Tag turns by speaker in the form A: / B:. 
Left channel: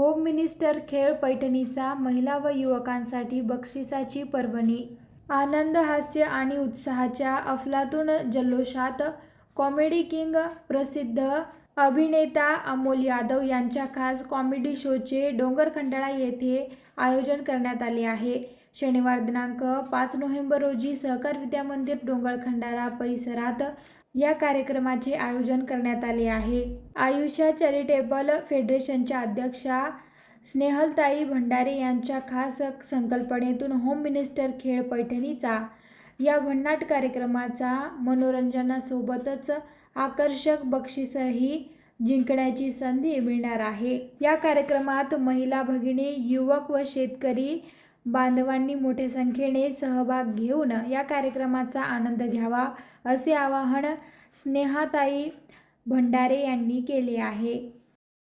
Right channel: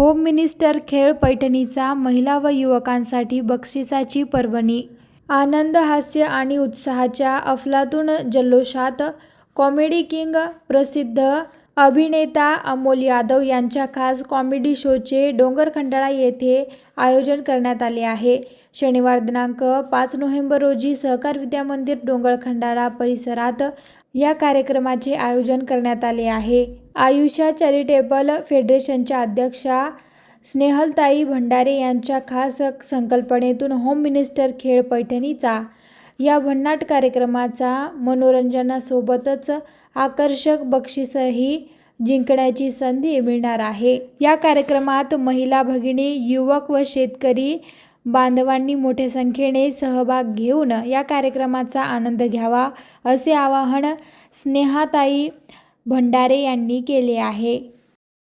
A: Home minister खेळ पैठणीचा महिला व युवकांसाठी बक्षिसाची पर्वणी. आनंद हास्य आणि उत्साहाच्या अफलातून जल्लोषात कॉमेडी किंग प्रसिद्ध अभिनेता अमोल यादव यांच्या खास कॉमेडी शोचे डोंगरखंडाळा येथे आयोजन करण्यात आले आहे. शनिवार दिनांक पाच नोव्हेंबर रोजी सहकार विद्यामंदिर डोंगरखंडाळा परिसरात या कार्यक्रमाचे आयोजन करण्यात आले आहे. आयुषा चॅरिटेबल फेडरेशनच्या अध्यक्षा स्नेहलताई भंडारे यांच्या खास संकल्पनेतून होम मिनिस्टर खेळ पैठणीचा या भन्नाट कार्यक्रमाचा मनोरंजनासोबतच आकर्षक बक्षीसही जिंकण्याची संधी मिळणार आहे. या कार्यक्रमात महिला भगिनी युवक व शेतकरी बांधवांनी मोठ्या संख्येने सहभाग घेऊन या कार्यक्रमाचा आनंद घ्यावा असे आवाहन स्नेहाताई भंडारे यांनी केले आहे.